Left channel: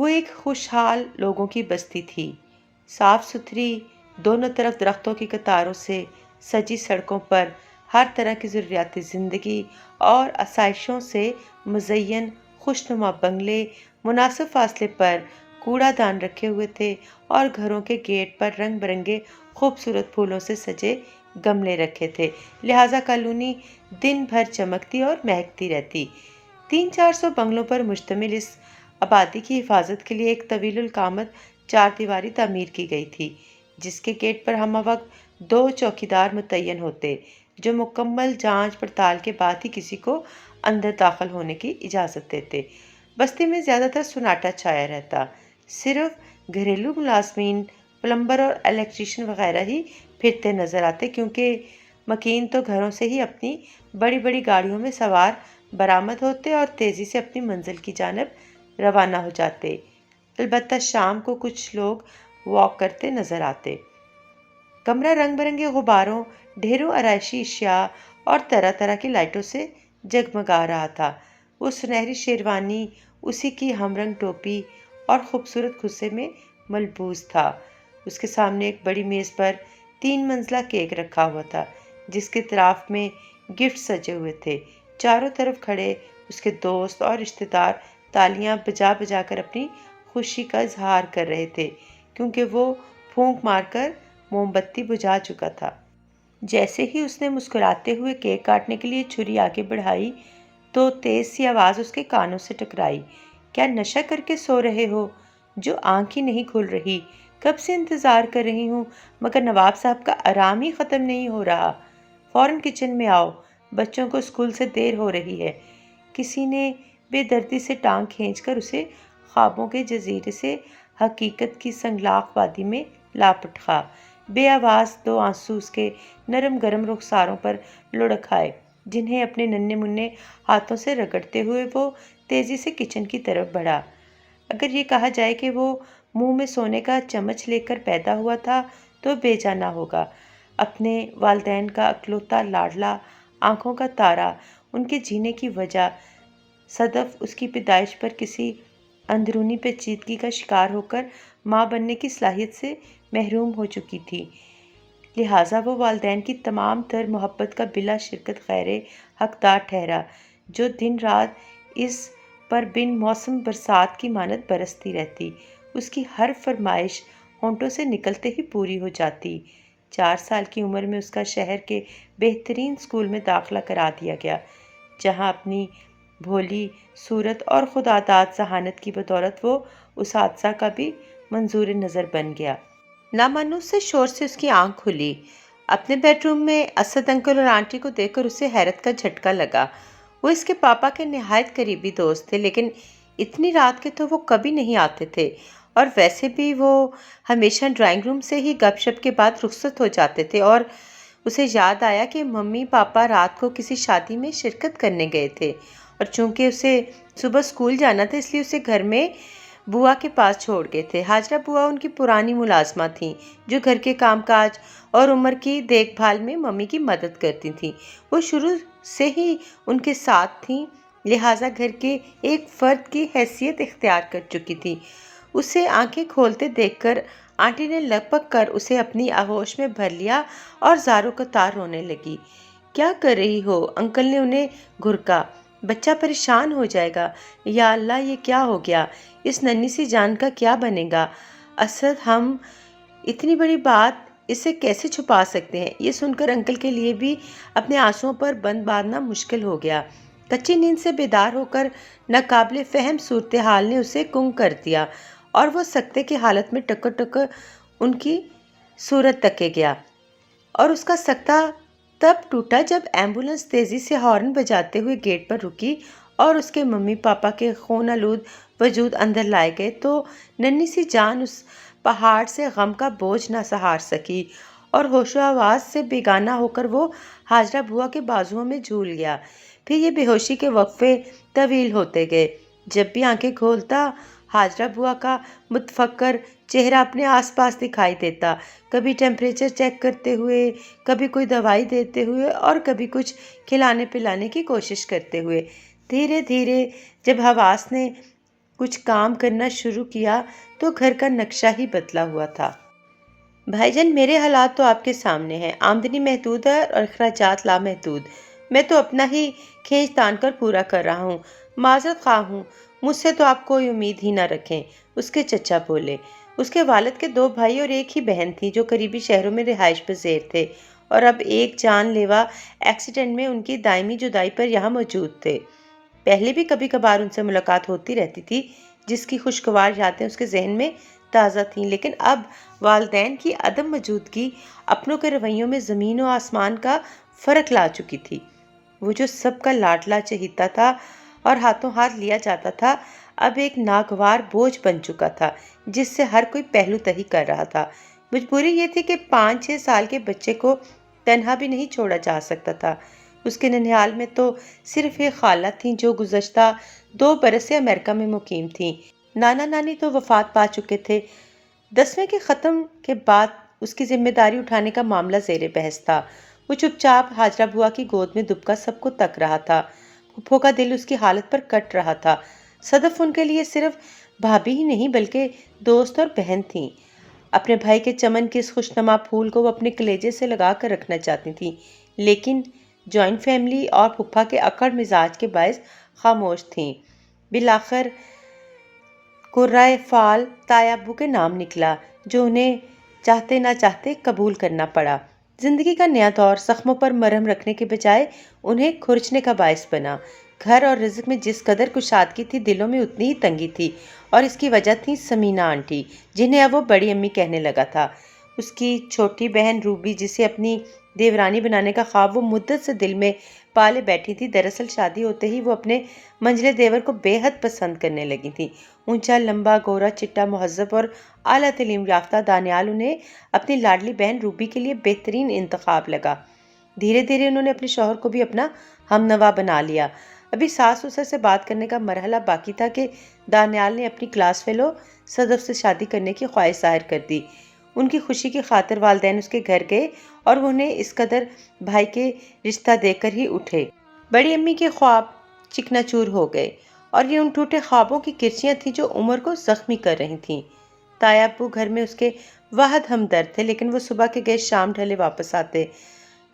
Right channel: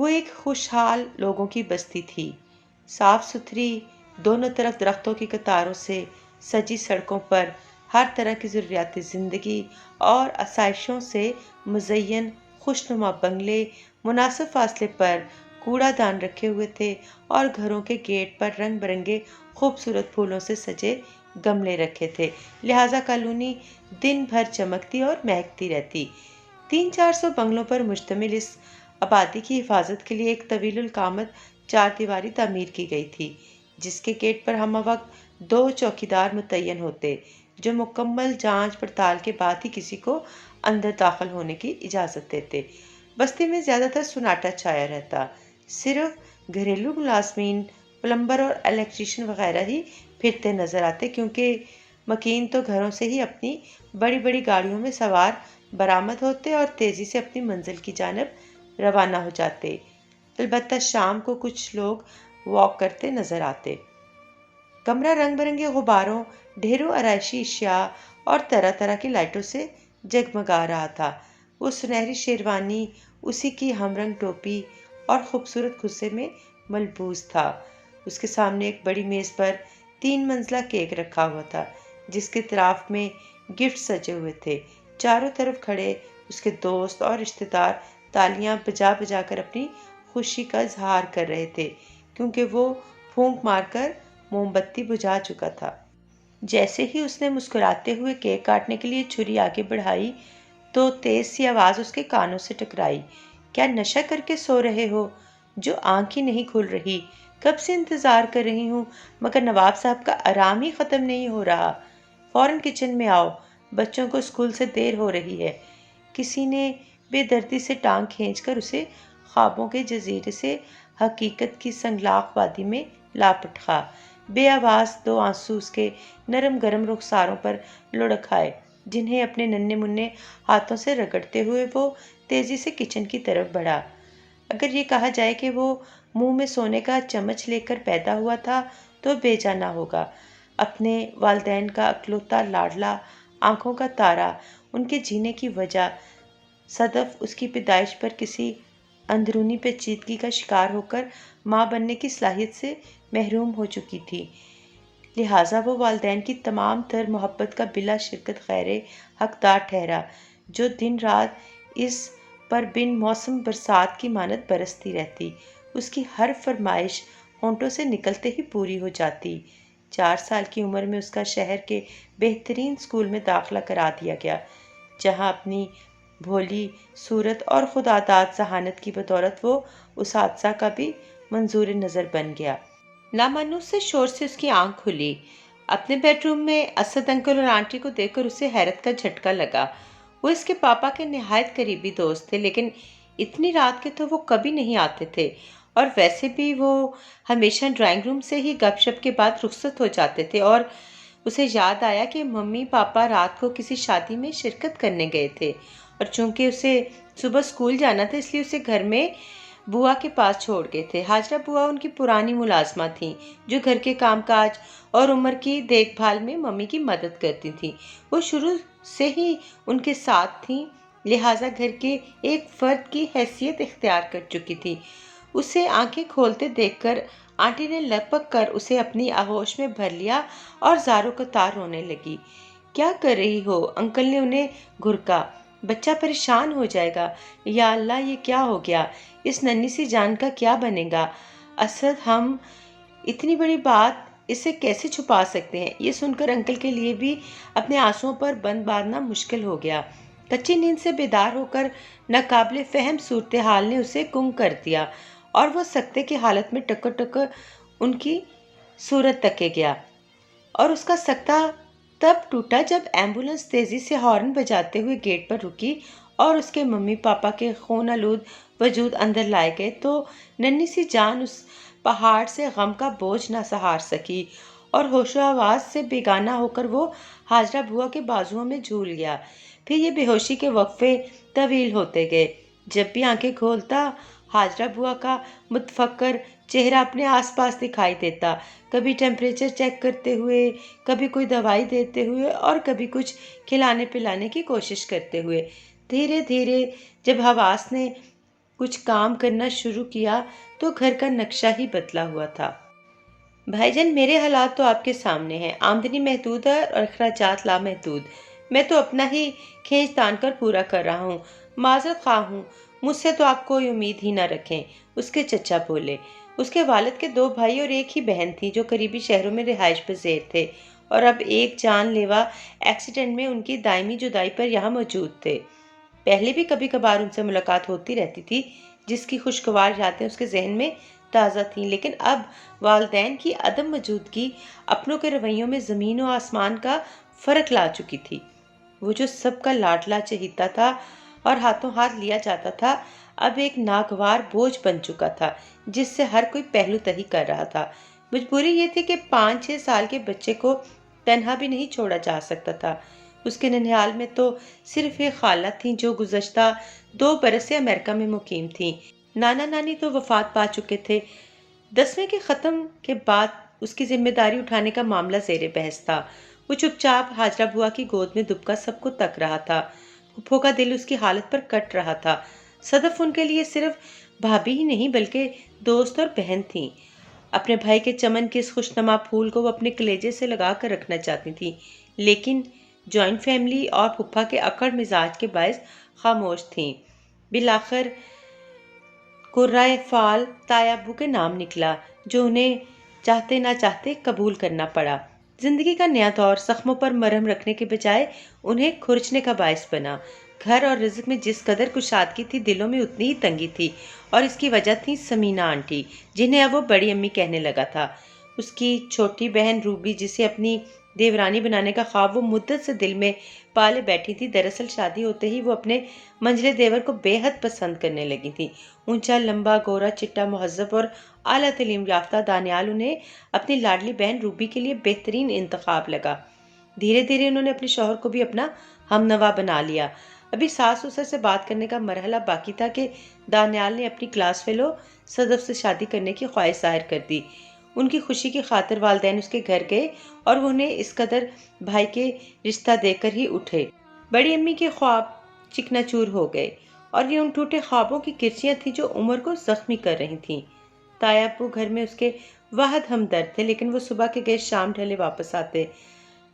وہ ایک خوشحال لوگوں کی بستی تھی، صاف ستھری، دونوں طرف درختوں کی قطاروں سے سجی سڑکوں پر ہر طرح کی ضروریات زندگی اور آسائشوں سے مزین خوشنما بنگلے، مناسب فاصلے پر کوڑا دان رکھے ہوئے تھے اور گھروں کے گیٹ پر رنگ برنگے خوبصورت پھولوں سے سجے گملے رکھے تھے، لہٰذا کالونی دن بھر چمکتی اور مہکتی رہتی۔ 300-400 بنگلوں پر مشتمل اس آبادی کی حفاظت کے لیے ایک طویل القامت چار دیواری تعمیر کی گئی تھی، جس کے گیٹ پر ہمہ وقت 2 چوکیدار متعین ہوتے، جو مکمل جانچ پڑتال کے بعد ہی کسی کو اندر داخل ہونے کی اجازت دیتے۔ بستی میں زیادہ تر سناٹا چھایا رہتا، صرف گھریلو ملازمین، پلمبر اور الیکٹریشین وغیرہ ہی پھرتے نظر آتے، کیونکہ مکین تو گھروں سے ہی اپنی بڑی بڑی گاڑیوں میں سوار برآمد ہوتے اور تیزی سے اپنی منزل کی جانب روانہ ہو جاتے۔ البتہ شام کو کچھ لوگ واک کرتے نظر آتے۔ کمرہ رنگ برنگے غباروں، ڈھیروں آرائشی اشیاء اور طرح طرح کی لائٹوں سے جگمگا رہا تھا۔ وہ سنہری شیروانی، اسی کی ہم رنگ ٹوپی اور خوبصورت کھسے میں ملبوس تھا۔ اس کے سامنے ایک بڑی میز پر 3 منزلہ کیک رکھا ہوا تھا، جس کے اطراف میں گفٹ سجے ہوئے تھے۔ چاروں طرف کھڑے اس کے دوست اور رشتہ دار تالیاں بجا بجا کر اپنی خوشی کا اظہار کر رہے تھے، کیونکہ وہ پھونک مار کر موم بتی بجھا چکا تھا۔ جیسے ہی اس نے مسکراتے ہوئے کیک کاٹنے کے لیے چھری آگے بڑھائی تو تیز سی آواز اس کے کانوں سے ٹکرائی۔ کیا نشہ کر کے سو رہے ہو؟ جو آنکھ ہی نہیں کھل رہی، کب سے انتظار کر رہی ہوں، مگر نواب صاحب کا آرام ہی ختم نہیں ہو رہا۔ فوراً کچن میں آؤ، بچوں کو اسکول سے دیر ہو رہی ہے۔ کسی نے بے دردی سے ٹانگ کھینچ کر اسے خوابوں کے جزیرے سے حقیقت کی سنگلاخ وادی میں لاپٹخا۔ بے آواز 2 آنسو اس کے نرم گرم رخساروں پر لڑک آئے، جنہیں اپنے ننھے منھے ہاتھوں سے رگڑتے ہوئے وہ تیزی سے کچن کی طرف بڑھا۔ اگر یہ کہا جائے کہ وہ منہ میں سونے کا چمچ لے کر پیدا ہوا تھا تو بے جا نہ ہوگا۔ اپنے والدین کا اکلوتا لاڈلا، آنکھوں کا تارا، ان کے جینے کی وجہ، صدف اس کی پیدائش پر کسی اندرونی پیچیدگی کا شکار ہو کر ماں بننے کی صلاحیت سے محروم ہو چکی تھی، لہٰذا وہ والدین کی تمام تر محبت کا بلا شرکت غیر حقدار ٹھہرا، جو دن رات اس پر بن موسم برسات کی مانند برستی رہتی۔ اس کی ہر فرمائش ہونٹوں سے نکلتے ہی پوری ہو جاتی۔ 4 سال کی عمر میں اس کا شہر کے بہترین اسکول میں داخلہ کرا دیا گیا، جہاں اپنی بھولی صورت اور خداداد ذہانت کی بدولت وہ اساتذہ کا بھی منظور نظر بن گیا۔ نامانوس سے شور سے اس کی آنکھ کھلی۔ اپنے بیڈ روم میں اسد انکل اور آنٹی کو دیکھ کر اسے حیرت کا جھٹکا لگا۔ وہ اس کے پاپا کے نہایت قریبی دوست تھے، لیکن اتنی رات کے تو وہ کبھی نہیں آتے تھے، اور ویسے بھی وہ ہمیشہ ڈرائنگ روم سے ہی گپ شپ کے بعد رخصت ہو جاتے تھے۔ اور اسے یاد آیا کہ ممی پاپا رات کو کسی شادی میں شرکت کرنے گئے تھے، اور چونکہ اسے صبح اسکول جانا تھا اس لیے اسے گھر میں بوا کے پاس چھوڑ گئے تھے۔ حاجرہ بوا ان کی پرانی ملازمہ تھیں، جو گھر کے کام کاج اور عمر کی دیکھ بھال میں ممی کی مدد کرتی تھیں۔ وہ شروع سے ہی ان کے ساتھ تھیں، لہٰذا گھر کے ایک فرد کی حیثیت اختیار کر چکی تھیں۔ اسے آنکھیں کھولتے دیکھ کر آنٹی نے لپک کر اسے اپنی آغوش میں بھر لیا اور زاروں قطار رونے لگی۔ کیا کر رہی ہو؟ انکل نے انہیں گھرکا۔ بچہ پریشان ہو جائے گا۔ یا اللہ، یہ کیا ہو گیا؟ اس ننھی سی جان کا کیا بنے گا؟ اسد، ہم اتنی بڑی بات اس سے کیسے چھپا سکتے ہیں؟ یہ سن کر انکل کے لیے بھی اپنے آنسوؤں پر بند باندھنا مشکل ہو گیا۔ کچی نیند سے بیدار ہو کر ناقابل فہم صورتحال نے اسے گنگ کر دیا، اور وہ سکتے کی حالت میں ٹکر ٹکر ان کی صورت تکے گیا۔ اور اس کا سکتہ تب ٹوٹا جب ایمبولینس تیزی سے ہارن بجاتے ہوئے گیٹ پر رکی اور اس کے ممی پاپا کے خون آلود وجود اندر لائے گئے تو ننھی سی جان اس پہاڑ سے غم کا بوجھ نہ سہار سکی، اور ہوش و آواز سے بیگانہ ہو کر وہ حاجرہ بوا کے بازوؤں میں جھول گیا۔ پھر یہ بے ہوشی کے وقفے طویل ہوتے گئے۔ جب بھی آنکھیں کھولتا، حاجرہ بوا کا متفکر چہرہ اپنے آس پاس دکھائی دیتا، کبھی ٹیمپریچر چیک کرتے ہوئے، کبھی کوئی دوائی دیتے ہوئے، اور کبھی کچھ کھلانے پلانے کی کوشش کرتے ہوئے۔ دھیرے دھیرے جب حواس نے کچھ کام کرنا شروع کیا تو گھر کا نقشہ ہی بدلا ہوا تھا۔ بھائی جان، میرے حالات تو آپ کے سامنے ہیں، آمدنی محدود ہے اور اخراجات لامحدود۔ میں تو اپنا ہی کھینچ تان کر پورا کر رہا ہوں، معذرت خواہ ہوں، مجھ سے تو آپ کوئی امید ہی نہ رکھیں، اس کے چچا بولے۔ اس کے والد کے 2 بھائی اور ایک ہی بہن تھی جو قریبی شہروں میں رہائش پذیر تھے، اور اب ایک جان لیوا ایکسیڈنٹ میں ان کی دائمی جدائی پر یہاں موجود تھے۔ پہلے بھی کبھی کبھار ان سے ملاقات ہوتی رہتی تھی، جس کی خوشگوار یادیں اس کے ذہن میں تازہ تھیں، لیکن اب والدین کی عدم موجودگی اپنوں کے رویوں میں زمین و آسمان کا فرق لا چکی تھی۔ وہ جو سب کا لاڈلا چہیتا تھا اور ہاتھوں ہاتھ لیا جاتا تھا، اب ایک ناگوار بوجھ بن چکا تھا جس سے ہر کوئی پہلو تہی کر رہا تھا۔ مجبوری یہ تھی کہ 5-6 سال کے بچے کو تنہا بھی نہیں چھوڑا جا سکتا تھا۔ اس کے ننھیال میں تو صرف ایک خالہ تھیں جو گزشتہ 2 برس سے امریکہ میں مقیم تھیں۔ نانا نانی تو وفات پا چکے تھے۔ 10ویں کے ختم کے بعد اس کی ذمہ داری اٹھانے کا معاملہ زیر بحث تھا۔ وہ چپ چاپ ہاجرہ بوا کی گود میں دبکا سب کو تک رہا تھا۔ پھپھو کا دل اس کی حالت پر کٹ رہا تھا۔ صدف ان کے لیے صرف بھابھی ہی نہیں بلکہ دوست اور بہن تھیں۔ اپنے بھائی کے چمن کے اس خوشنما پھول کو وہ اپنے کلیجے سے لگا کر رکھنا چاہتی تھیں، لیکن جوائنٹ فیملی اور پھپھا کے اکڑ مزاج کے باعث خاموش تھیں۔ بالآخر قرۂ فعال تایا ابو کے نام نکلا، جو انہیں چاہتے نہ چاہتے قبول کرنا پڑا۔ زندگی کا نیا دور زخموں پر مرہم رکھنے کے بجائے انہیں کھرچنے کا باعث بنا۔ گھر اور رزق میں جس قدر کشادگی تھی، دلوں میں اتنی ہی تنگی تھی، اور اس کی وجہ تھی سمینہ آنٹی، جنہیں اب وہ بڑی امی کہنے لگا تھا۔ اس کی چھوٹی بہن روبی، جسے اپنی دیورانی بنانے کا خواب وہ مدت سے دل میں پالے بیٹھی تھی، دراصل شادی ہوتے ہی وہ اپنے منجلے دیور کو بے حد پسند کرنے لگی تھی۔ اونچا، لمبا، گورا، چٹا، مہذب اور اعلیٰ تعلیم یافتہ دانیال انہیں اپنی لاڈلی بہن روبی کے لیے بہترین انتخاب لگا۔ دھیرے دھیرے انہوں نے اپنے شوہر کو بھی اپنا ہم نوا بنا لیا۔ ابھی ساس سسر سے بات کرنے کا مرحلہ باقی تھا کہ دانیال نے اپنی کلاس فیلو صدف سے شادی کرنے کی خواہش ظاہر کر دی۔ ان کی خوشی کی خاطر والدین اس کے گھر گئے اور وہ انہیں اس قدر بھائی کے رشتہ دے کر ہی اٹھے۔ بڑی امی کے خواب چکنا چور ہو گئے، اور یہ ان ٹوٹے خوابوں کی کرچیاں تھیں جو عمر کو زخمی کر رہی تھیں۔ تایا ابو گھر میں اس کے واحد ہمدرد تھے، لیکن وہ صبح کے گئے شام ڈھلے واپس آتے۔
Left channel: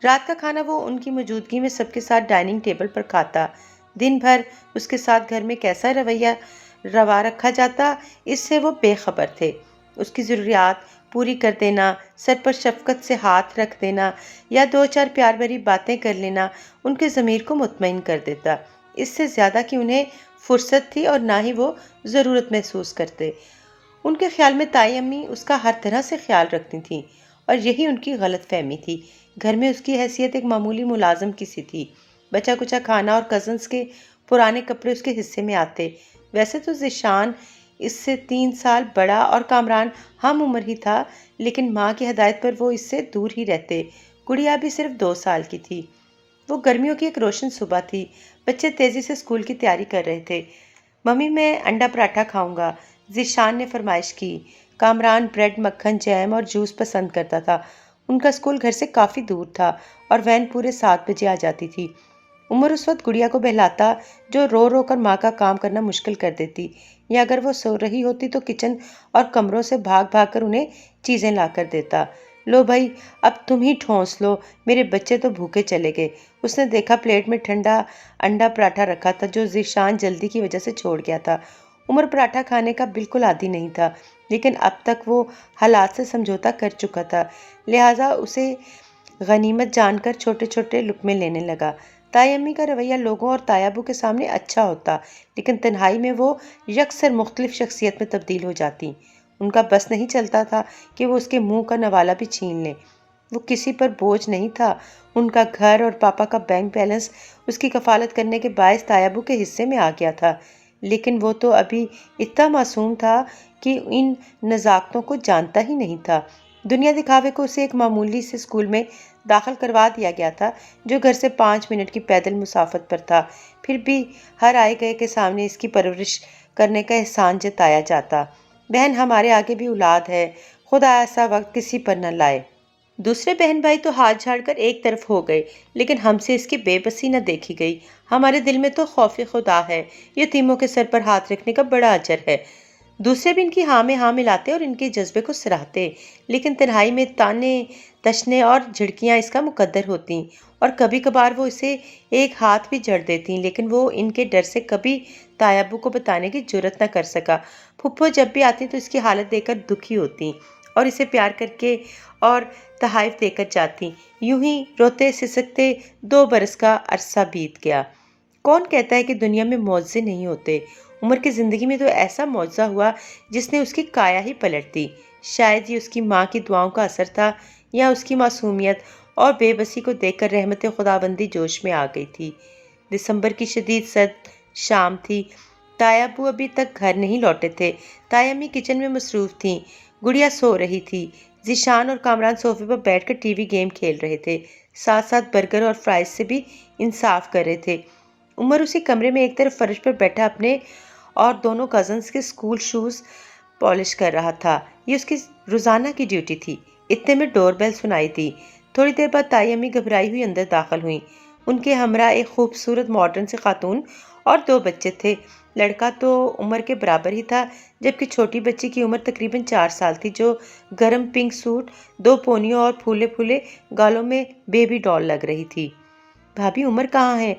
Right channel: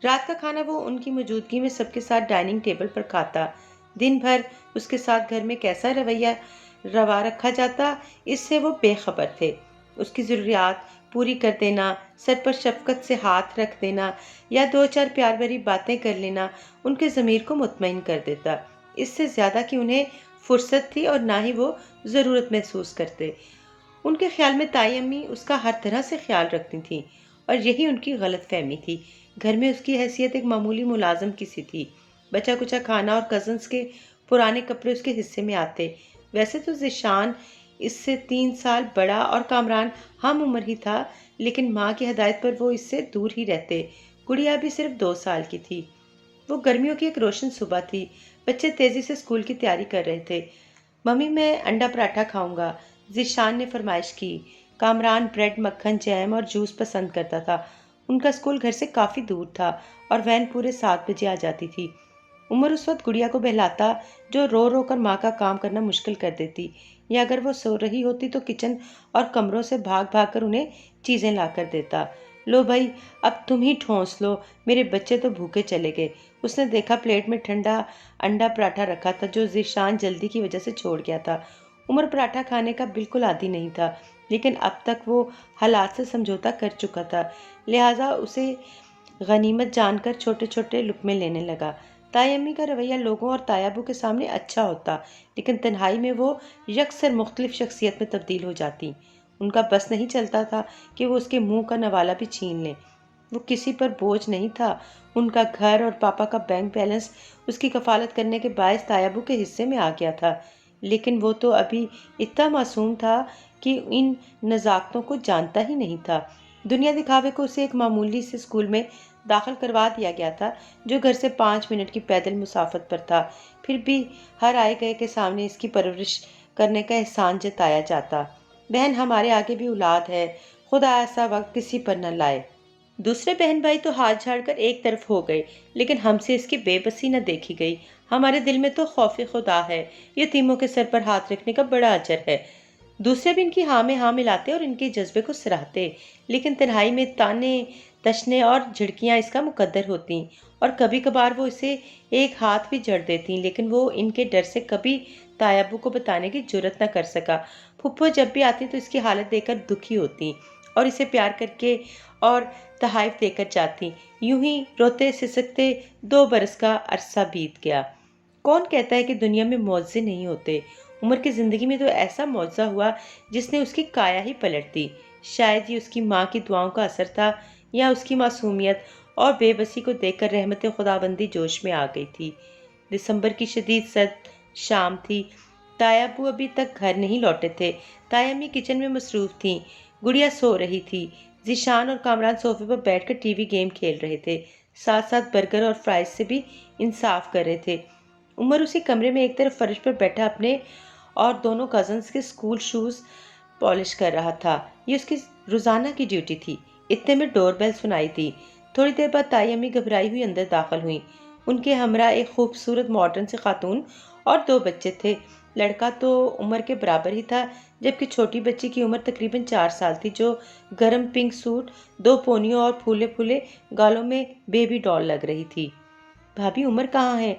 رات کا کھانا وہ ان کی موجودگی میں سب کے ساتھ ڈائننگ ٹیبل پر کھاتا۔ دن بھر اس کے ساتھ گھر میں کیسا رویہ روا رکھا جاتا، اس سے وہ بے خبر تھے۔ اس کی ضروریات پوری کر دینا، سر پر شفقت سے ہاتھ رکھ دینا یا 2-4 پیار بھری باتیں کر لینا ان کے ضمیر کو مطمئن کر دیتا۔ اس سے زیادہ کہ انہیں فرصت تھی اور نہ ہی وہ ضرورت محسوس کرتے۔ ان کے خیال میں تائی امی اس کا ہر طرح سے خیال رکھتی تھیں، اور یہی ان کی غلط فہمی تھی۔ گھر میں اس کی حیثیت ایک معمولی ملازم کی سی تھی۔ بچا کچا کھانا اور کزنز کے پرانے کپڑے اس کے حصے میں آتے۔ ویسے تو ذیشان اس سے 3 سال بڑا اور کامران ہم عمر ہی تھا، لیکن ماں کی ہدایت پر وہ اس سے دور ہی رہتے۔ گڑیا بھی صرف 2 سال کی تھی۔ وہ گرمیوں کی ایک روشن صبح تھی۔ بچے تیزی سے اسکول کی تیاری کر رہے تھے۔ ممی، میں انڈا پراٹھا کھاؤں گا، ذیشان نے فرمائش کی۔ کامران بریڈ، مکھن، جیم اور جوس پسند کرتا تھا۔ ان کا اسکول گھر سے کافی دور تھا اور وین پورے 7 بجے آ جاتی تھی۔ عمر اس وقت گڑیا کو بہلاتا، جو رو رو کر ماں کا کام کرنا مشکل کر دیتی، یا اگر وہ سو رہی ہوتی تو کچن اور کمروں سے بھاگ بھاگ کر انہیں چیزیں لا کر دیتا۔ لو بھائی، اب تم ہی ٹھونس لو، میرے بچے تو بھوکے چلے گئے۔ اس نے دیکھا پلیٹ میں ٹھنڈا انڈا پراٹھا رکھا تھا جو ذیشان جلدی کی وجہ سے چھوڑ گیا تھا۔ عمر پراٹھا کھانے کا بالکل عادی نہیں تھا، لیکن اب تک وہ حالات سے سمجھوتا کر چکا تھا، لہٰذا اسے غنیمت جان کر چھوٹے چھوٹے لقمے لینے لگا۔ تائی امی کا رویہ لوگوں اور تایا ابو کے سامنے اچھا ہوتا، لیکن تنہائی میں وہ یکسر مختلف شخصیت میں تبدیل ہو جاتی۔ ان کا بس نہیں چلتا تھا کہ وہ اس کے منہ کا نوالا بھی چھین لیں۔ وہ کسی پر بوجھ نہیں تھا۔ ان کا گھر اور پاپا کا بینک بیلنس اس کی کفالت کرنے کے باعث تایا ابو کے حصے میں آ گیا تھا، لیکن وہ تو ابھی اتنا معصوم تھا کہ ان نزاکتوں کو جانتا ہی نہیں تھا۔ دنیا دکھاوے کو اسے ایک معمولی سے اسکول میں داخل کروا دیا گیا تھا جو گھر سے 5 منٹ کی پیدل مسافت پر تھا۔ پھر بھی ہر آئے گئے کے سامنے اس کی پرورش کرنے کا احسان جتایا جاتا۔ بہن، ہمارے آگے بھی اولاد ہے، خدا ایسا وقت کسی پر نہ لائے۔ دوسرے بہن بھائی تو ہاتھ جھاڑ کر ایک طرف ہو گئے، لیکن ہم سے اس کی بے بسی نہ دیکھی گئی۔ ہمارے دل میں تو خوف خدا ہے، یتیموں کے سر پر ہاتھ رکھنے کا بڑا اجر ہے۔ دوسرے بھی ان کی ہاں میں ہاں ملاتے اور ان کے جذبے کو سراہتے، لیکن تنہائی میں تانے تشنے اور جھڑکیاں اس کا مقدر ہوتی، اور کبھی کبھار وہ اسے ایک ہاتھ بھی جڑ دیتی، لیکن وہ ان کے ڈر سے کبھی تایا ابو کو بتانے کی جرت نہ کر سکا۔ پھپھو جب بھی آتی تو اس کی حالت دیکھ کر دکھی ہوتی اور اسے پیار کر کے اور تحائف دے کر جاتی۔ یوں ہی روتے سسکتے 2 برس کا عرصہ بیت گیا۔ کون کہتا ہے کہ دنیا میں معجزے نہیں ہوتے؟ عمر کی زندگی میں تو ایسا معجزہ ہوا جس نے اس کی کایا ہی پلٹ دی۔ شاید یہ اس کی ماں کی دعاؤں کا اثر تھا، یا اس کی معصومیت اور بے بسی کو دیکھ کر رحمت خداوندی جوش میں آ گئی تھی۔ دسمبر کی شدید سرد شام تھی۔ تایا ابو ابھی تک گھر نہیں لوٹے تھے۔ تایا امی کچن میں مصروف تھیں، گڑیا سو رہی تھی، ذیشان اور کامران صوفے پر بیٹھ کر ٹی وی گیم کھیل رہے تھے، ساتھ ساتھ برگر اور فرائز سے بھی انصاف کر رہے تھے۔ عمر اسی کمرے میں ایک طرف فرش پر بیٹھا اپنے اور دونوں کزنز کے اسکول شوز پالش کر رہا تھا۔ یہ اس کی روزانہ کی ڈیوٹی تھی۔ اتنے میں ڈور بیل سنائی دی۔ تھوڑی دیر بعد تائی امی گھبرائی ہوئی اندر داخل ہوئیں۔ ان کے ہمراہ ایک خوبصورت ماڈرن سی خاتون اور 2 بچے تھے۔ لڑکا تو عمر کے برابر ہی تھا، جبکہ چھوٹی بچی کی عمر تقریباً 4 سال تھی، جو گرم پنک سوٹ، 2 پونیوں اور پھولے پھولے گالوں میں بیبی ڈال لگ رہی تھی۔ بھابھی عمر کہاں ہے؟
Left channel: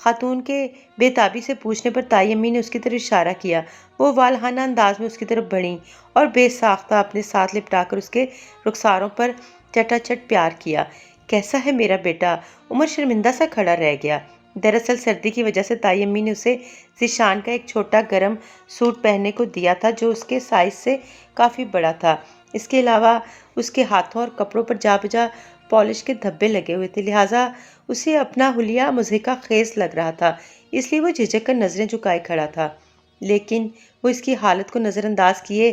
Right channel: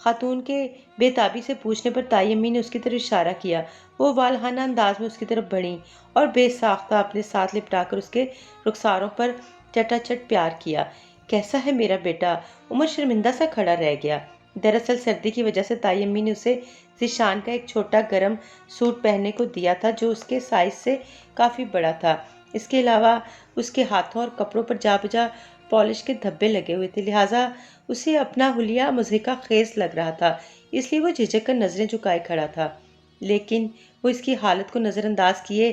خاتون کے بے تابی سے پوچھنے پر تائی امی نے اس کی طرف اشارہ کیا۔ وہ والہانہ انداز میں اس کی طرف بڑھیں اور بے ساختہ اپنے ساتھ لپٹا کر اس کے رخساروں پر چٹا چٹ پیار کیا۔ کیسا ہے میرا بیٹا؟ عمر شرمندہ سا کھڑا رہ گیا۔ دراصل سردی کی وجہ سے تائی امی نے اسے ذیشان کا ایک چھوٹا گرم سوٹ پہننے کو دیا تھا، جو اس کے سائز سے کافی بڑا تھا۔ اس کے علاوہ اس کے ہاتھوں اور کپڑوں پر جا بجا پالش کے دھبے لگے ہوئے تھے، لہٰذا اسے اپنا حلیہ مضحکہ خیز لگ رہا تھا، اس لیے وہ جھجک کر نظریں جھکائے کھڑا تھا۔ لیکن وہ اس کی حالت کو نظر انداز کیے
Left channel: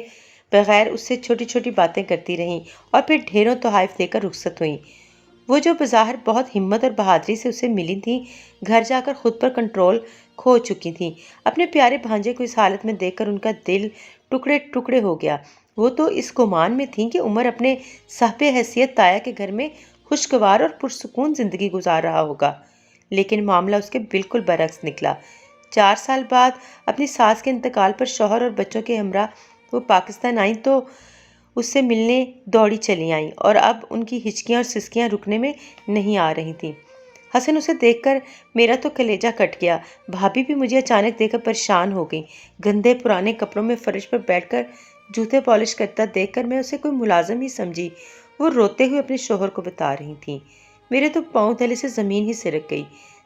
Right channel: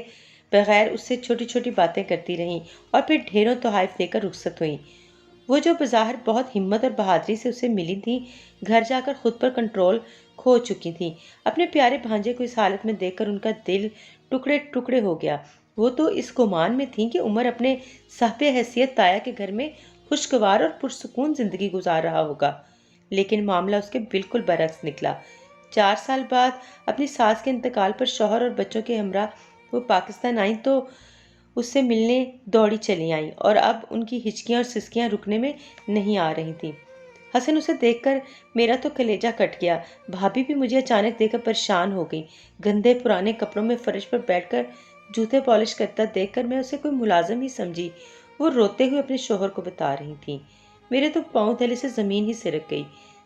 بغیر اس سے چھوٹی چھوٹی باتیں کرتی رہیں اور پھر ڈھیروں تحائف دے کر رخصت ہوئیں۔ وہ جو بظاہر بہت ہمت اور بہادری سے اسے ملی تھیں، گھر جا کر خود پر کنٹرول کھو چکی تھیں۔ اپنے پیارے بھانجے کو اس حالت میں دیکھ کر ان کا دل ٹکڑے ٹکڑے ہو گیا۔ وہ تو اس گمان میں تھیں کہ عمر اپنے صاحب حیثیت تایا کے گھر میں خوشگوار اور پرسکون زندگی گزار رہا ہوگا، لیکن معاملہ اس کے بالکل برعکس نکلا۔ 4 سال بعد اپنی ساس کے انتقال پر شوہر اور بچوں کے ہمراہ وہ پاکستان آئیں تو اس سے ملنے دوڑی چلی آئیں، اور اب ان کی ہچکیاں اور سسکیاں رکنے میں نہیں آ رہی تھیں۔ حسن اسے دیکھ کر میرا تو کلیجہ کٹ گیا۔ بھابھی بھی مجھے اچانک دیکھ کر پریشان ہو گئیں۔ گندے پرانے کپڑوں میں فرش پر بیٹھ کر جوتے پالش کرتا دیکھ کر میں اسے کوئی ملازم ہی سمجھی۔ وہ روتے ہوئے اپنے شوہر کو بتا رہی تھیں۔ میرے تو پاؤں تلے سے زمین ہی سرک گئی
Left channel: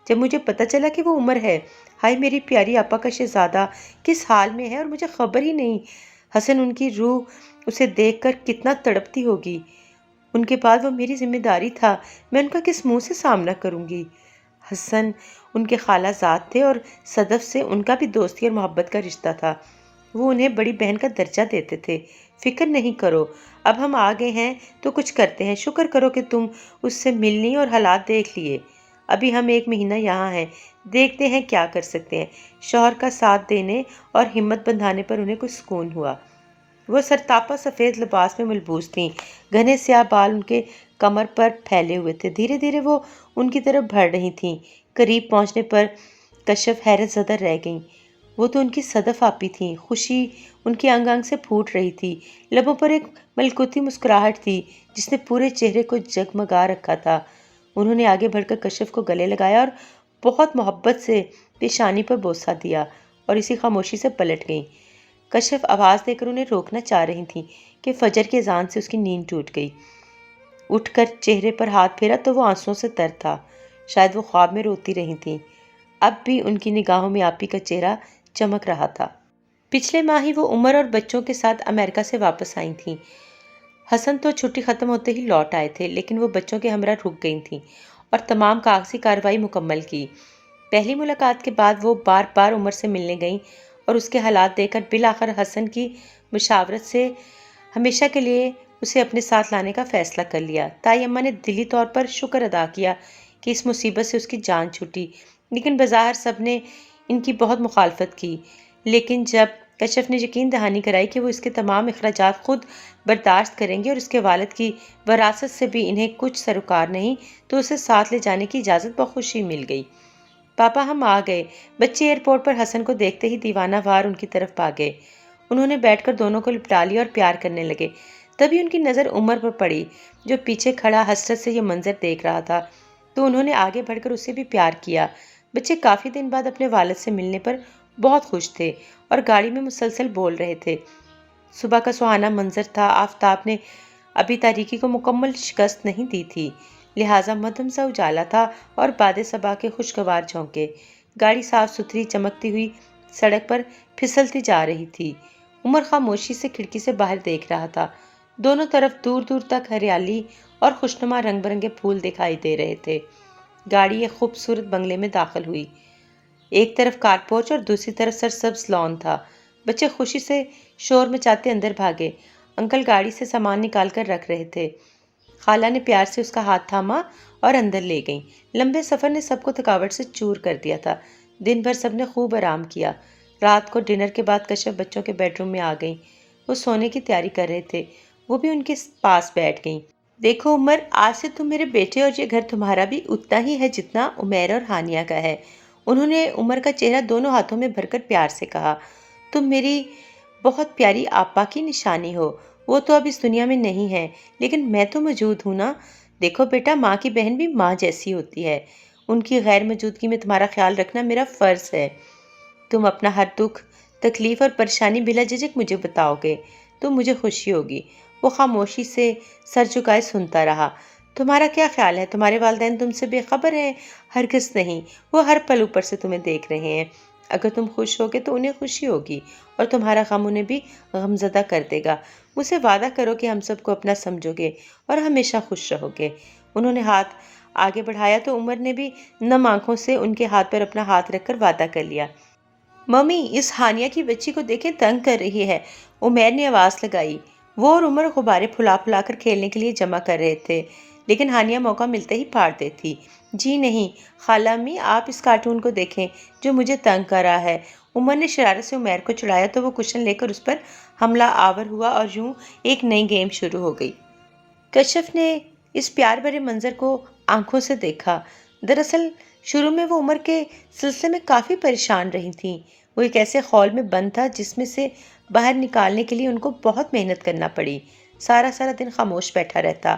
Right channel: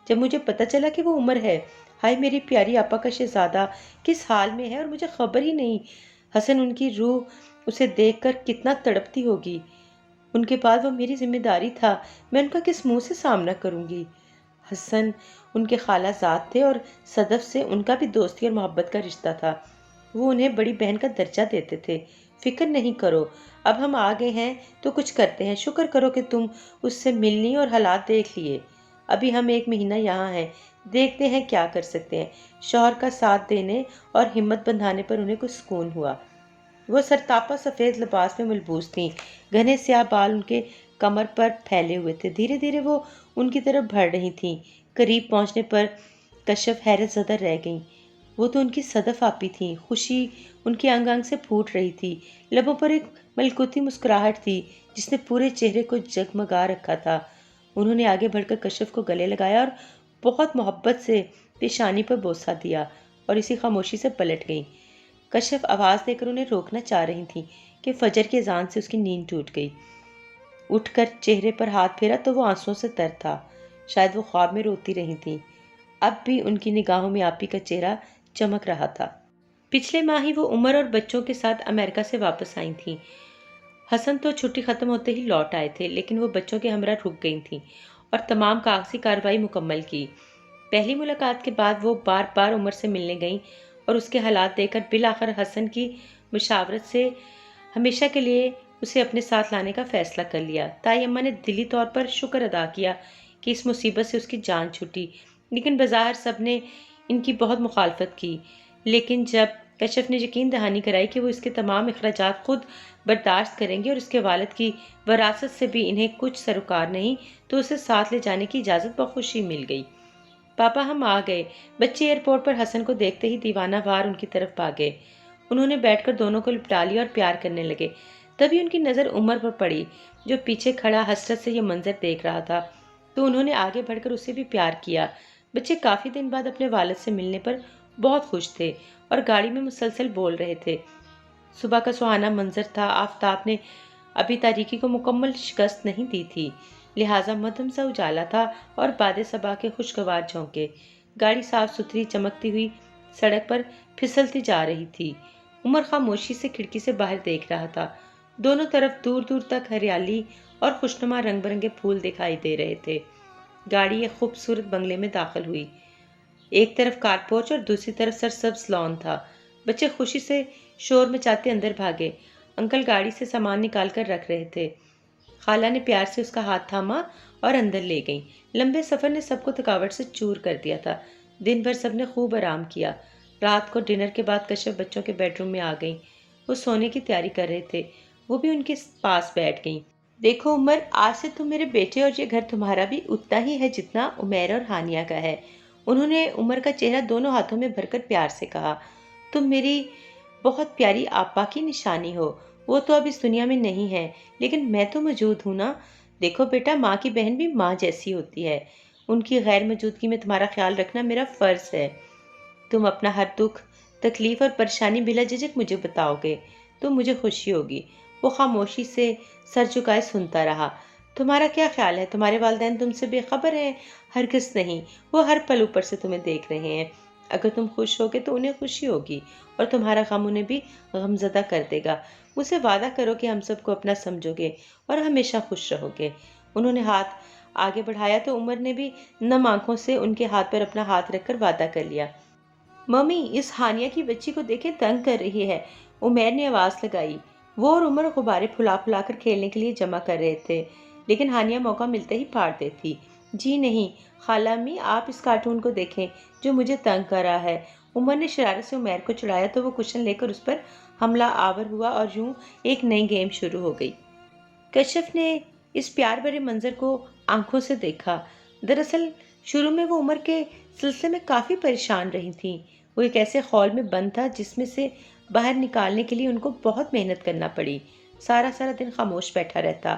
جب مجھے پتہ چلا کہ وہ عمر ہے۔ ہائے میری پیاری آپا کا شہزادہ کس حال میں ہے اور مجھے خبر ہی نہیں۔ حسن، ان کی روح اسے دیکھ کر کتنا تڑپتی ہوگی۔ ان کے بعد وہ میری ذمہ داری تھا، میں ان کا کس منہ سے سامنا کروں گی؟ حسن ان کے خالہ زاد تھے اور صدف سے ان کا بھی دوستی اور محبت کا رشتہ تھا۔ وہ انہیں بڑی بہن کا درجہ دیتے تھے۔ فکر نہیں کرو، اب ہم آ گئے ہیں تو کچھ کرتے ہیں۔ شکر کرو کہ تم اس سے ملنی اور حالات دیکھ لیے۔ ابھی ہم 1 مہینہ یہاں ہیں، دیکھتے ہیں کیا کر سکتے ہیں۔ شوہر کا ساتھ دینے اور ہمت بندھانے پر انہیں کچھ سکون ہوا۔ وہ سرتاپا سفید لباس میں ملبوس تھیں، گھنے سیاہ بال ان کے کمر پر پھیلے ہوئے تھے۔ دھیرے دھیرے وہ ان کی طرف بڑھ رہی تھیں۔ قریب پہنچنے پر کشف حیرت زدہ رہ گئیں۔ وہ تو ان کی صدف آپی تھیں۔ خوشی ان کی انگ انگ سے پھوٹ رہی تھی، لبوں پر ایک ملکوتی مسکراہٹ تھی جس نے پورے چہرے کو جگمگا رکھا تھا۔ انہوں نے آگے بڑھ کر کشف کو گلے لگایا اور بہت محبت سے پیشانی پر بوسہ دیا، اور اسی خاموشی سے پلٹ گئیں۔ کشف آواز دے کر انہیں روکنا چاہ رہی تھیں کہ فجر کی اذان سے اس کی نیند ٹوٹ گئی۔ اٹھ کر چہرے پر ہاتھ پھیرا تو وہ آنسوؤں سے تر تھا، شاید وہ خواب میں روتی رہی تھیں۔ اب بھی ان کی نگاہوں میں آپی کا چہرہ چمک رہا تھا۔ پچھلے ماہ ہی وہ عمر اور بچوں کے ساتھ امریکہ سے واپس آئی تھیں۔ حسن تو چھٹی ختم ہوتے ہی لوٹ آئے تھے، لیکن وہ بچوں کے ہمراہ رک گئی تھیں اور تمام کاغذی کارروائی مکمل کی۔ پہلی ملاقات کے بعد وہ بار بار عمر سے ملنے گئیں اور اس کے حالات دیکھ کر بالآخر حسن کی مشاورت سے ہمیشہ کے لیے اسے اپنے ساتھ لانے کا فیصلہ کر لیا۔ تائی اماں نے دلی طور پر شکر ادا کیا کہ اس مصیبت سے اس کی جان چھوٹی، لیکن بظاہر سب نے ان کی بہت مخالفت کی۔ لیکن جب کشف نے یقین دہانی کرائی کہ وہ اس کے تمام اخراجات خود برداشت کریں گے اور اس کے والد کی وراثت سے بھی انہیں کچھ سروکار نہیں، تو اسے ساتھ لے جانے کی اجازت بخوشی مل گئی۔ پاپا ہم آ گئے۔ بچے ایئرپورٹ پر حسن کو دیکھتے ہی دیوانہ وار ان کی طرف بھاگے۔ انہوں نے بیٹھ کر دونوں کو لپٹا لیا اور پیار کرنے لگے۔ تبھی ان کی نظر عمر پر پڑی جو پیچھے کھڑا حسرت سے یہ منظر دیکھ رہا تھا، تو انہوں نے آگے بڑھ کر اسے بھی پیار کیا۔ بچے کافی دن بعد اپنے والد سے ملنے پر بہت خوش تھے اور گاڑی میں مسلسل بول رہے تھے۔ صبح کا سہانا منظر تھا، آفتاب نے ابھی تاریکی کو مکمل شکست نہیں دی تھی، لہٰذا مدھم سا اجالا تھا اور باد صبا کے خوشگوار جھونکے۔ گاڑی صاف ستھری چمکتی ہوئی سڑک پر پھسلتی جا رہی تھی۔ عمر خاموشی سے کھڑکی سے باہر دیکھ رہا تھا۔ دونوں طرف دور دور تک ہریالی اور خوشنما رنگ برنگے پھول دکھائی دے رہے تھے۔ گاڑی ایک خوبصورت بنگلے میں داخل ہوئی۔ ایک طرف کارپورچ اور دوسری طرف سرسبز لان تھا۔ بچے خوشی سے شور مچاتے اندر بھاگے۔ انکل گاڑی سے سامان نکال کر رکھ رہے تھے۔ خالہ نے پیار سے اس کا ہاتھ تھاما اور اندر لے گئیں۔ لمبے سفر نے سب کو تھکاوٹ سے چور کر دیا تھا۔ دن بھر سب نے خوب آرام کیا۔ رات کو ڈنر کے بعد کشف بچوں کے بیڈ روم میں آ گئیں۔ وہ سونے کی تیاری کر رہے تھے، وہ بھی ان کے پاس بیٹھ گئیں۔ دیکھو عمر، آج سے تم میرے بیٹے اور یہ گھر تمہارا بھی اتنا ہی ہے جتنا عمیر اور ہانیہ کا ہے۔ انہوں نے عمر کا چہرہ دونوں ہاتھوں میں بھر کر پیار سے کہا۔ تم میری بہت پیاری آپا کی نشانی ہو۔ وہ تو اب اس دنیا میں نہیں ہے، لیکن میں تو موجود ہوں نا۔ دیکھو بیٹا، ماں کی بہن بھی ماں جیسی ہوتی ہے۔ ان کی غیر موجودگی میں تمہارا خیال رکھنا میرا فرض ہے۔ تم اپنا ہر دکھ، تکلیف اور پریشانی بلا جھجک مجھے بتاؤ گے تو مجھے خوشی ہوگی۔ وہ خاموشی سے سر جھکائے سنتا رہا۔ تمہارا کیا خیال ہے؟ تمہارے والدین تم سے بے خبر ہیں؟ ہرگز نہیں، وہ ہر پل اوپر سے تمہیں دیکھ رہے ہیں۔ اگر تم خوش ہوگے تو انہیں خوشی ہوگی اور تمہارا غم انہیں بھی غمزدہ کر دے گا۔ مجھ سے وعدہ کرو کہ ہم سب کو اپنا سمجھو گے اور ہمیشہ خوش رہو گے۔ انہوں نے ہاتھ آگے بڑھایا تو عمر نے بھی نم آنکھوں سے ان کے ہاتھ پر اپنا ہاتھ رکھ کر وعدہ کر لیا۔ ممی، اس ہانیہ کی بچی کو دیکھیں، تنگ کر رہی ہے، عمیر نے آواز لگائی۔ وہ اور عمر غبارے پھلا پھلا کر کھیلنے کے لیے جمع کر رہے تھے، لیکن ہانیہ موقع ملتے ہی پھاڑ دیتی۔ جی نہیں خالہ امی، آپ اس کارٹون کو دیکھیں جو مجھے تنگ کر رہا ہے۔ عمر نے شرارت سے عمیر کو چڑھایا تو وہ کشن لے کر اس پر حملہ آور ہوا اور یوں ایک نئی گیم شروع ہو گئی۔ کشف نے اس پیار بھرے منظر کو آنکھوں سے دیکھا۔ دراصل شروع میں وہ عمر کے سلسلے میں کافی پریشان رہی تھیں۔ وہ ایک ایسے خول میں بند تھا جس میں سے باہر نکالنے کے لیے ان کو بہت محنت کرنا پڑی۔ سارا دن خاموش بیٹھا رہتا،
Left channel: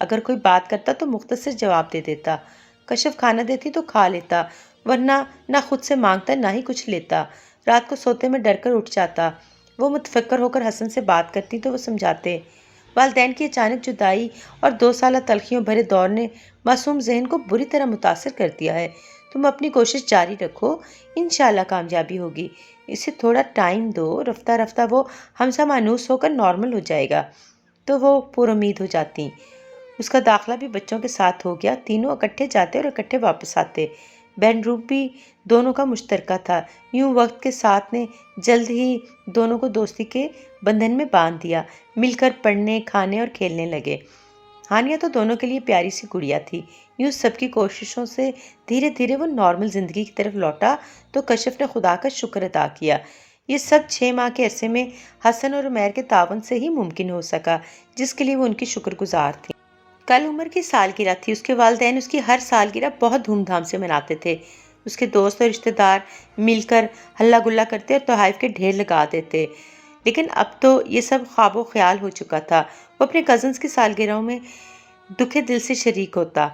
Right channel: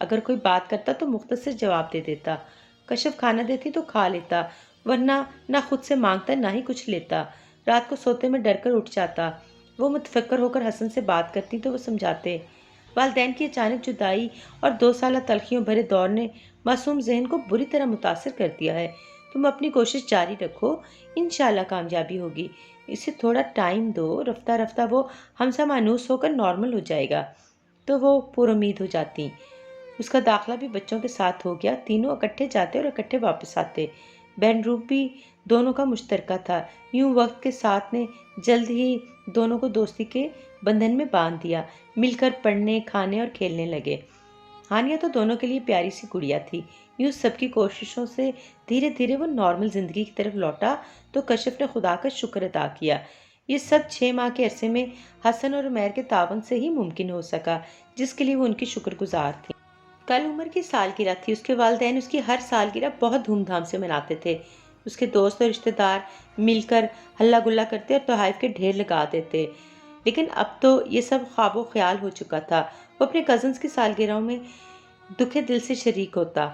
اگر کوئی بات کرتا تو مختصر جواب دے دیتا، کشف کھانا دیتی تو کھا لیتا، ورنہ نہ خود سے مانگتا نہ ہی کچھ لیتا۔ رات کو سوتے میں ڈر کر اٹھ جاتا۔ وہ متفکر ہو کر حسن سے بات کرتی تو وہ سمجھاتے۔ والدین کی اچانک جدائی اور 2 سالہ تلخیوں بھرے دور نے معصوم ذہن کو بری طرح متاثر کر دیا ہے۔ تم اپنی کوشش جاری رکھو، انشاءاللہ کامیابی ہوگی۔ اسے تھوڑا ٹائم دو، رفتہ رفتہ وہ ہم سا مانوس ہو کر نارمل ہو جائے گا۔ تو وہ پر امید ہو جاتی۔ اس کا داخلہ بھی بچوں کے ساتھ ہو گیا۔ تینوں اکٹھے جاتے اور اکٹھے واپس آتے۔ بیڈ روم بھی دونوں کا مشترکہ تھا۔ یوں وقت کے ساتھ نے جلد ہی دونوں کو دوستی کے بندھن میں باندھ دیا۔ مل کر پڑھنے، کھانے اور کھیلنے لگے۔ ہانیہ تو دونوں کے لیے پیاری سی گڑیا تھی۔ یوں سب کی کوششوں سے دھیرے دھیرے وہ نارمل زندگی کی طرف لوٹا تو کشف نے خدا کا شکر ادا کیا۔ یہ سب 6 ماہ کے عرصے میں حسن اور عمیر کے تعاون سے ہی ممکن ہو سکا، جس کے لیے وہ ان کی شکر گزار تھی۔ کل عمر کی سالگرہ تھی۔ اس کے والدین اس کی ہر سالگرہ بہت دھوم دھام سے مناتے تھے۔ اس کے دوست اور رشتہ دار مل کر ہلہ گلا کرتے اور تحائف کے ڈھیر لگا دیتے، لیکن اب تو یہ سب خواب و خیال ہو چکا تھا۔ وہ اپنے کزنز کی سالگرہوں میں دکھے دل سے شریک ہوتا۔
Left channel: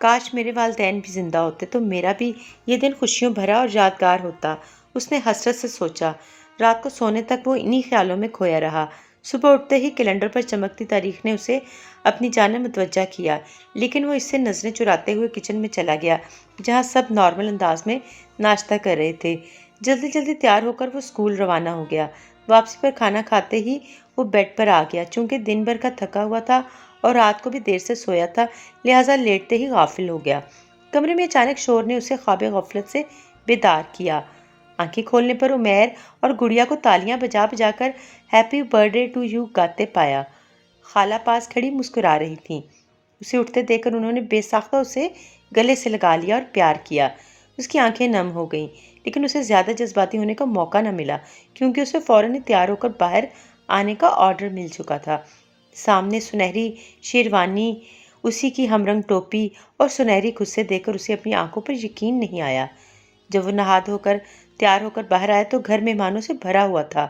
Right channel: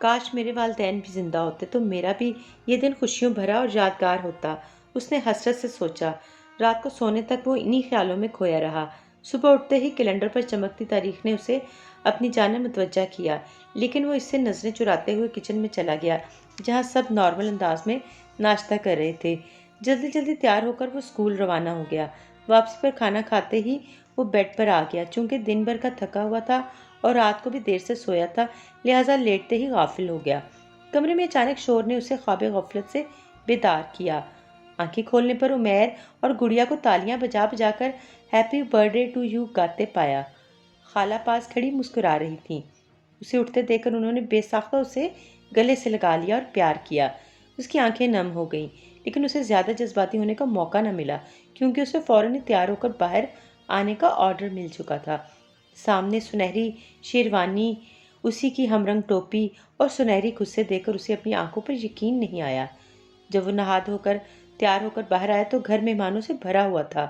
کاش میرے والدین بھی زندہ ہوتے تو میرا بھی یہ دن خوشیوں بھرا اور یادگار ہوتا، اس نے حسرت سے سوچا۔ رات کو سونے تک وہ انہی خیالوں میں کھویا رہا۔ صبح اٹھتے ہی کیلنڈر پر چمکتی تاریخ نے اسے اپنی جانب متوجہ کیا، لیکن وہ اس سے نظریں چراتے ہوئے کچن میں چلا گیا جہاں سب نارمل انداز میں ناشتہ کر رہے تھے۔ جلدی جلدی تیار ہو کر وہ اسکول روانہ ہو گیا۔ واپسی پر کھانا کھاتے ہی وہ بیڈ پر آ گیا۔ چونکہ دن بھر کا تھکا ہوا تھا اور رات کو بھی دیر سے سویا تھا، لہٰذا لیٹتے ہی غافل ہو گیا۔ کمرے میں اچانک شور نے اسے خواب غفلت سے بیدار کیا۔ آنکھیں کھولنے پر عمیر اور گڑیا کو تالیاں بجا بجا کر happy birthday to you گاتے پایا۔ خالہ پاس کھڑی مسکرا رہی تھیں۔ اسے اٹھتے دیکھ کر انہوں نے بے ساختہ اسے گلے سے لگا لیا اور پیار کیا۔ اس کی آنکھیں نم ہو گئیں، لیکن اسے زیادہ جذباتی ہونے کا موقع نہ ملا کیونکہ اسے فوراً ہی تیار ہو کر باہر آنے کا آرڈر مل چکا تھا۔ سامنے سنہری شیروانی، اسی کی ہم رنگ ٹوپی اور سنہری خصے دیکھ کر اسے اپنی آنکھوں پر یقین نہیں آیا۔ جب وہ نہا دھو کر تیار ہو کر باہر آیا تو گھر مہمانوں سے بھرا ہوا تھا۔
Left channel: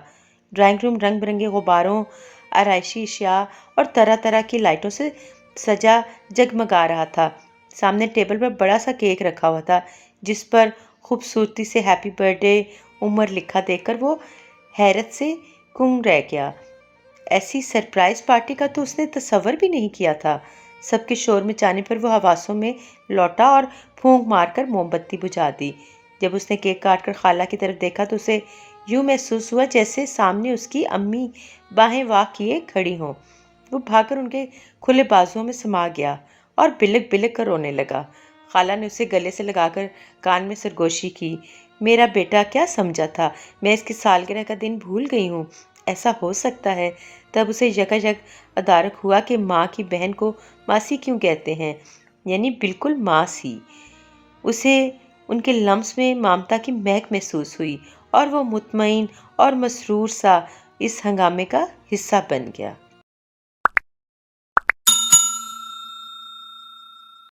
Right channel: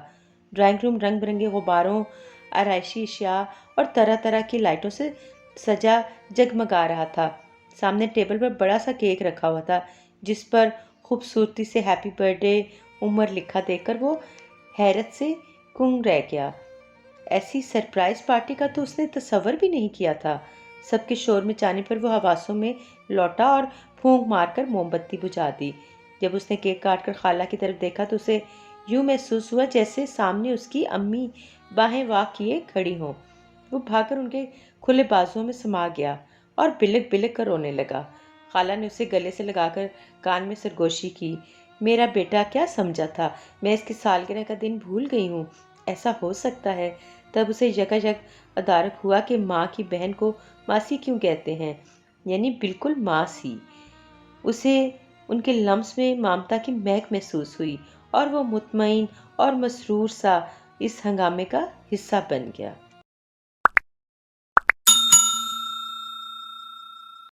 ڈرائنگ روم رنگ برنگے غباروں، آرائشی اشیاء اور طرح طرح کی لائٹوں سے سجا جگمگا رہا تھا۔ سامنے ٹیبل پر بڑا سا کیک رکھا ہوا تھا جس پر خوبصورتی سے ہیپی برتھ ڈے عمر لکھا دیکھ کر وہ حیرت سے گنگ رہ گیا۔ ایسی سرپرائز پارٹی کا تو اس نے تصور بھی نہیں کیا تھا۔ سب کے شور مچانے پر وہ حواسوں میں لوٹا اور پھونک مار کر موم بتی بجھا دی۔ جب اس نے کیک کاٹ کر خالہ کی طرف دیکھا تو اسے یوں محسوس ہوا جیسے سامنے اس کی امی باہیں واہ کیے کھڑی ہوں۔ وہ بھاگ کر ان کے کھلے بازوؤں میں سما گیا اور بلک بلک کر رونے لگا۔ خالہ نے اسے گلے سے لگا کر کان میں سرگوشی کی۔ میرا بیٹا کیا سمجھا تھا، میں اس کی سالگرہ کا دن بھول گئی ہوں، ایسا ہو سکتا ہے؟ تب اسے یکایک ادارک ہوا کہ ماں کی بہن کو ماسی کیوں کہتے ہیں، یعنی بالکل ماں سی۔ اسے ان کے لمس میں ممتا کی مہک محسوس ہوئی اور وہ مطمئن اور مسرور سا اس ہنگامے کا حصہ بن گیا۔